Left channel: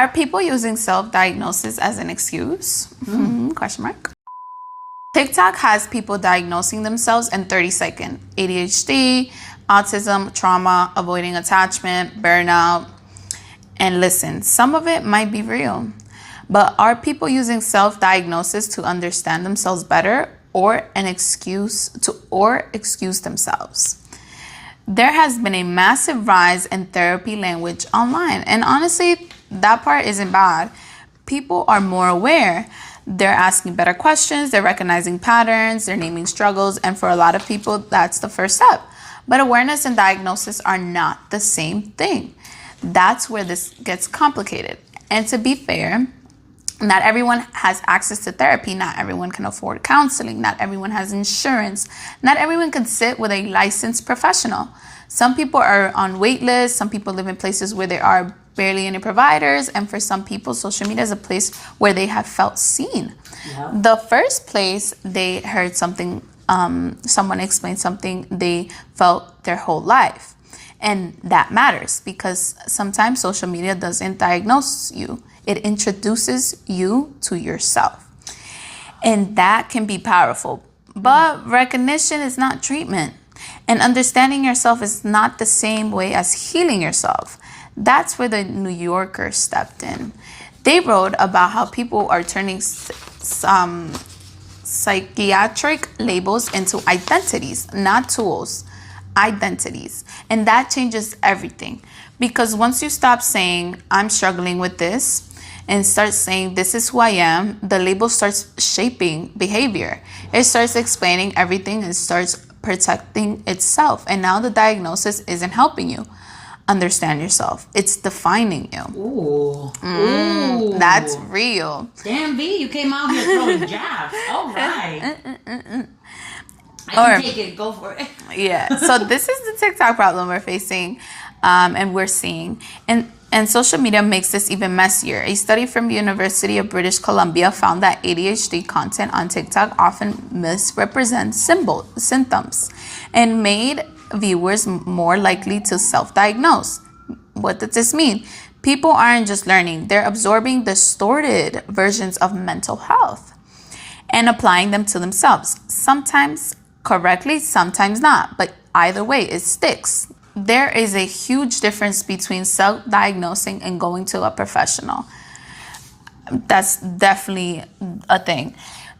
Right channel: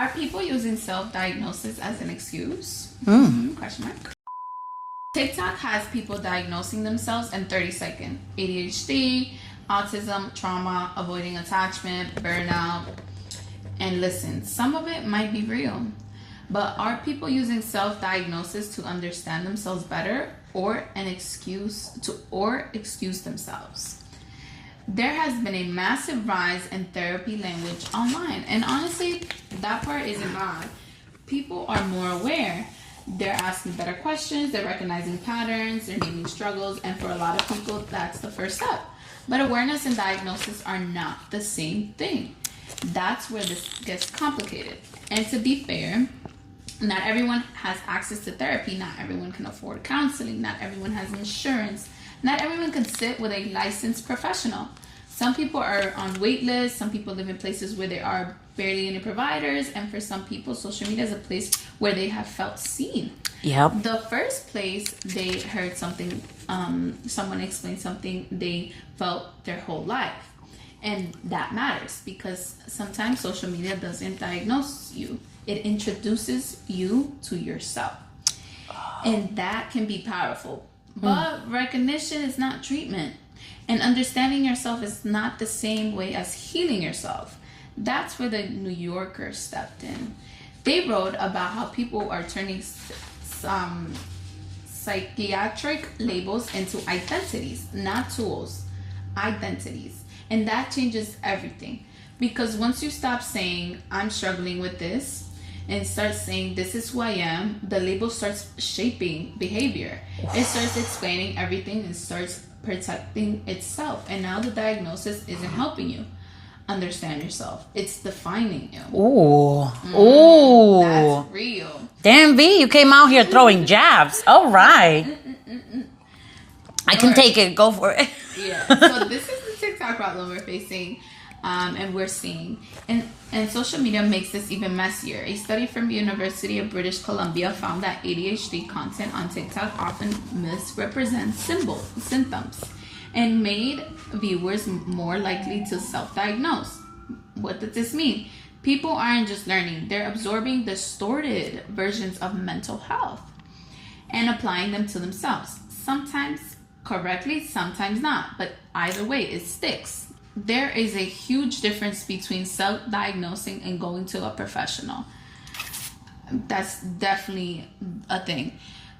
Are people using self-diagnosis as an excuse? Question mark. TikTok has people diagnosing themselves in 30 seconds. ADHD, autism, trauma, avoiding attachment, burnout. And listen, some of it might be real. But are people using self-diagnosis to understand themselves better or excuse themselves? There has been a massive rise in therapy language online. And honestly, that part isn't bad. People are more aware. They're asking better questions. They're recognizing patterns. They're naming struggles. And for a lot of people, that's the first step. But awareness and diagnosis are not the same thing. That's where this gets complicated. And to be fair, not everyone has access to therapy. Not everyone can afford counseling. Not everyone has insurance. Not everyone can sit with a licensed professional. Some people are on wait lists. Some people live in places where there are barely any providers. And for some people, social media is a place where they have felt seen. Yep. The first place they heard something, someone explained something they felt their whole life. And that matters because sometimes social media doesn't diagnose you. It introduces you to yourself. And that can be powerful. But recognition is not treatment. And understanding yourself is not the same way as healing yourself. That's where the New Yorker stepped in. They wrote about how people are turning some psychiatric labels into identities, not tools, identities. And that changes everything. Because once you stop saying, I'm struggling with this, and start saying, this is who I am, the label starts shaping behavior. It starts explaining everything and starts protecting itself. And now the diagnosis isn't helping you understand yourself. It's defining you. Ooh. Ooh. That's real. Damn, V, you came out here throwing jabs. All right. I can take it. Go for it. Yeah. So this is the TikTok problem we're facing. And we're seeing. And social media makes this even messier. A study from the University of British Columbia found that ADHD content on TikTok often misrepresents symptoms and made viewers more likely to self-diagnose. What does this mean? People aren't just learning, they're absorbing distorted versions of mental health and applying them to themselves. Sometimes correctly, sometimes not, but either way, it sticks. There is a huge difference between self-diagnosing and going to a professional. That's definitely a thing.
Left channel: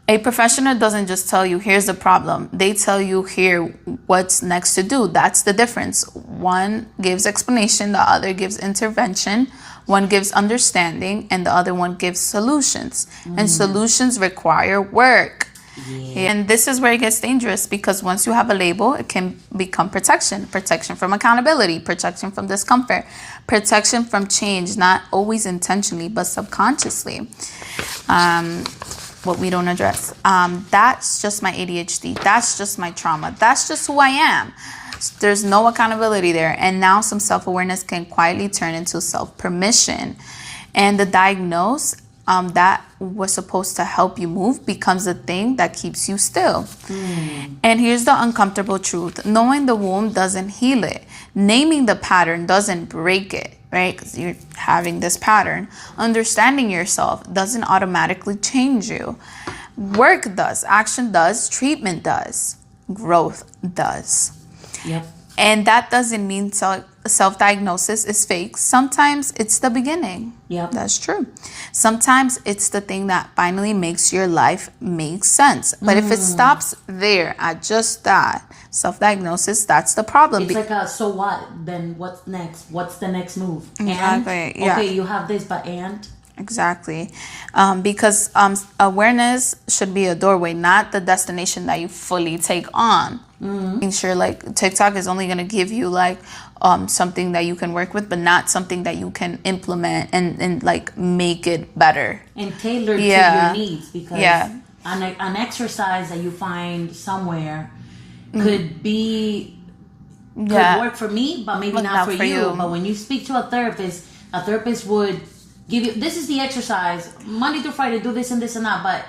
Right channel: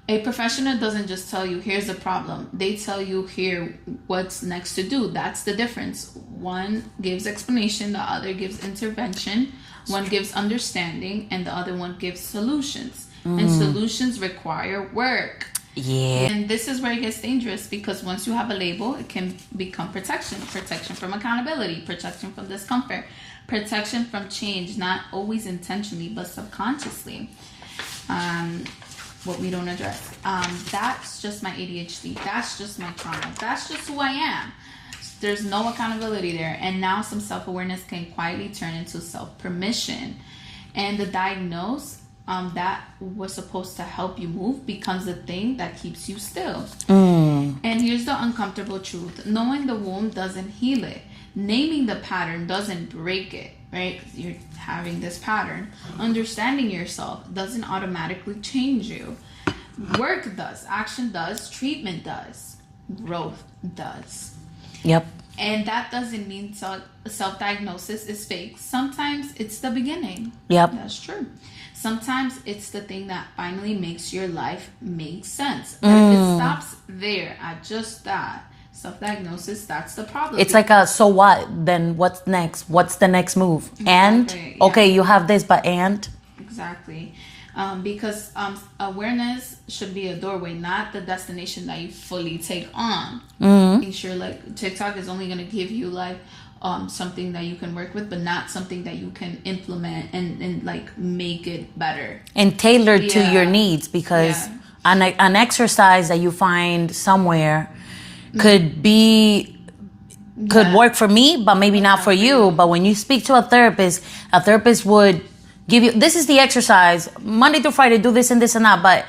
A professional doesn't just tell you, here's the problem. They tell you here what's next to do. That's the difference. One gives explanation, the other gives intervention. One gives understanding, and the other one gives solutions. And solutions require work. Yeah. And this is where it gets dangerous because once you have a label, it can become protection. Protection from accountability, protection from discomfort, protection from change, not always intentionally, but subconsciously. What we don't address. That's just my ADHD. That's just my trauma. That's just who I am. There's no accountability there. And now some self-awareness can quietly turn into self-permission. And the diagnose that was supposed to help you move becomes the thing that keeps you still. And here's the uncomfortable truth. Knowing the wound doesn't heal it. Naming the pattern doesn't break it, right? Because you're having this pattern. Understanding yourself doesn't automatically change you. Work does. Action does. Treatment does. Growth does. Yep. And that doesn't mean self-diagnosis is fake. Sometimes it's the beginning. Yep. That's true. Sometimes it's the thing that finally makes your life make sense. But if it stops there at just that, self-diagnosis, that's the problem. It's like a, so what? Then what's next? What's the next move? Exactly, And? yeah. Okay, you have this, but and? Exactly. Because awareness should be a doorway, not the destination that you fully take on. Make sure like TikTok is only going to give you like something that you can work with, but not something that you can implement and like make it better. And tailored to your needs, because an exercise that you find somewhere could work for me, but maybe not for you. But when you speak to a therapist would give you, this is the exercise, Monday through Friday, do this and this and that. But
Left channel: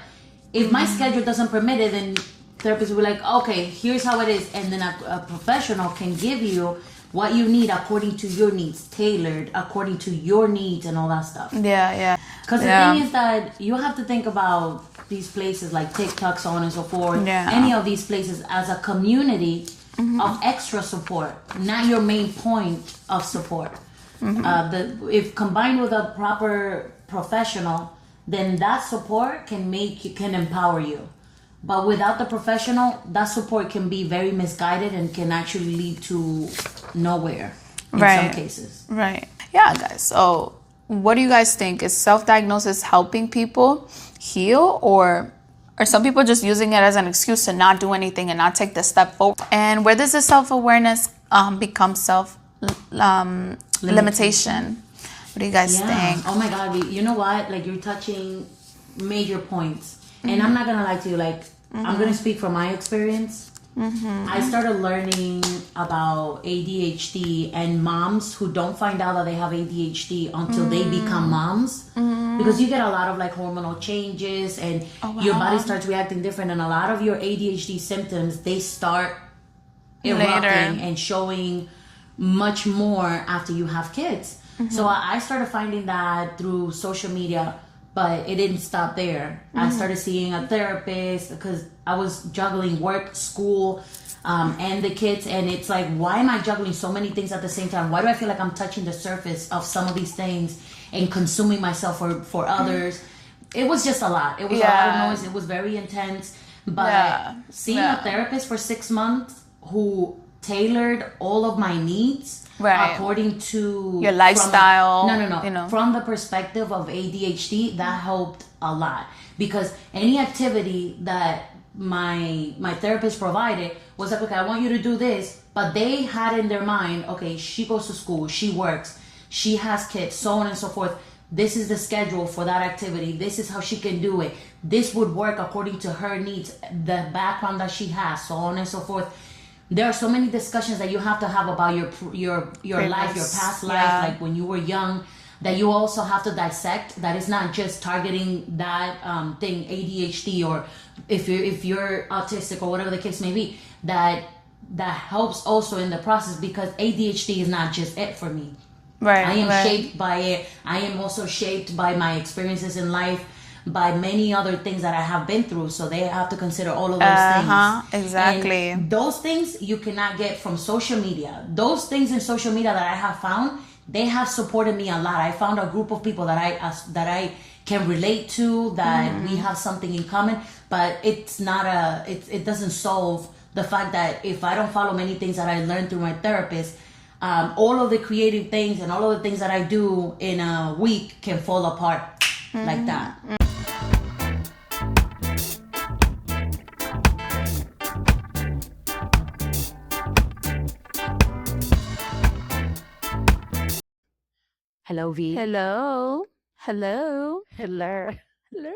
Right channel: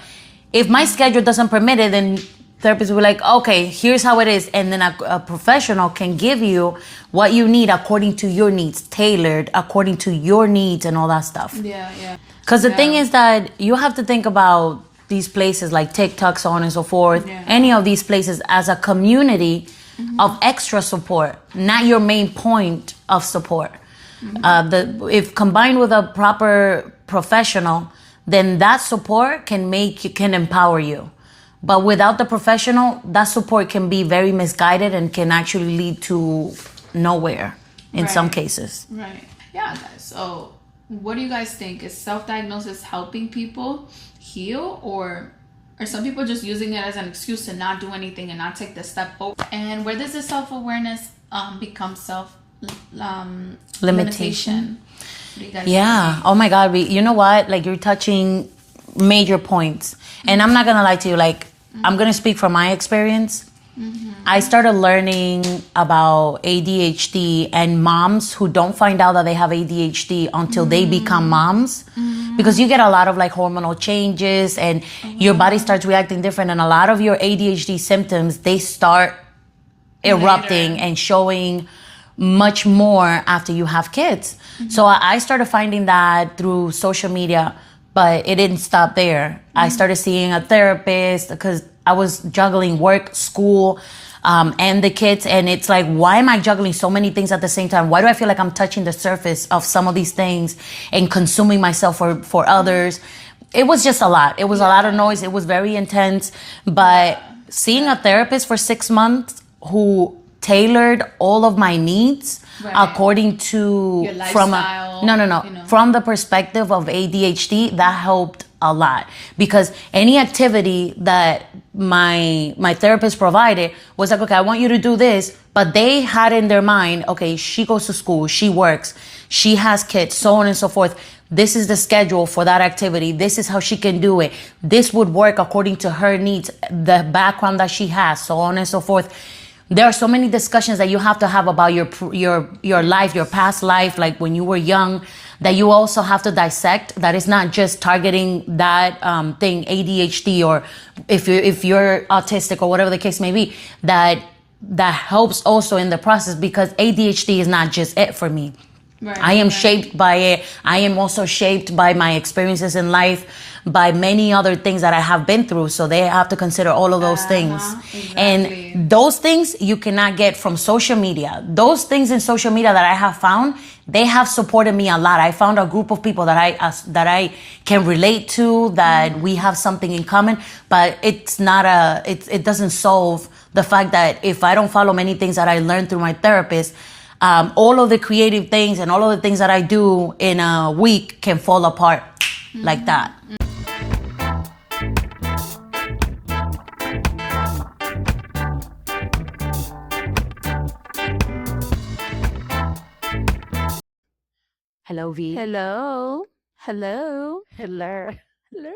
if my schedule doesn't permit it, then therapists will be like, okay, here's how it is. And then a professional can give you what you need according to your needs, tailored according to your needs and all that stuff. Yeah. Because the thing is that you have to think about these places like TikTok, so on and so forth, any of these places as a community of extra support, not your main point of support. If combined with a proper professional, then that support can empower you. But without the professional, that support can be very misguided and can actually lead to nowhere in some cases. Right. Yeah, guys. So what do you guys think? Is self-diagnosis helping people heal, or are some people just using it as an excuse to not do anything and not take the step forward? And where does the self-awareness become limitation? What do you guys think? Oh my God. You know what? Like, you're touching major points. And I'm not going to lie to you. Like, I'm going to speak from my experience. I started learning about ADHD and moms who don't find out that they have ADHD until they become moms. Because you get a lot of like hormonal changes and your body starts reacting different. And a lot of your ADHD symptoms, they start erupting and showing much more after you have kids. So I started finding that through social media, but it didn't stop there. I started seeing a therapist because I was juggling work, school, and the kids. And it's like, why am I juggling so many things at the same time? Why do I feel like I'm touching the surface of some of these things and consuming myself for others? It was just a lot. It was a lot of noise. It was very intense. But seeing a therapist for 6 months who tailored all of my needs according to your lifestyle. From the perspective of ADHD, that helped a lot. Because any activity that my therapist provided was like, okay, I want you to do this, but they had in their mind, okay, she goes to school, she works, she has kids, so on and so forth. This is the schedule for that activity. This is how she can do it. This would work according to her needs, the background that she has, so on and so forth. There are so many discussions that you have to have about your life, your past life, like when you were young, that you also have to dissect. That is not just targeting that thing, ADHD, or if you're autistic or whatever the case may be. That helps also in the process, because ADHD is not just it for me. I am shaped by it. I am also shaped by my experiences in life, by many other things that I have been through. So they have to consider all of those things. Exactly. And those things you cannot get from social media. Those things in social media that I have found, they have supported me a lot. I found a group of people that I can relate to, that we have something in common, but it doesn't solve the fact that if I don't follow many things that I learned through my therapist, all of the creative things and all of the things that I do in a week can fall apart like that. Hello, V. Hello. Hello. Hello. Hello.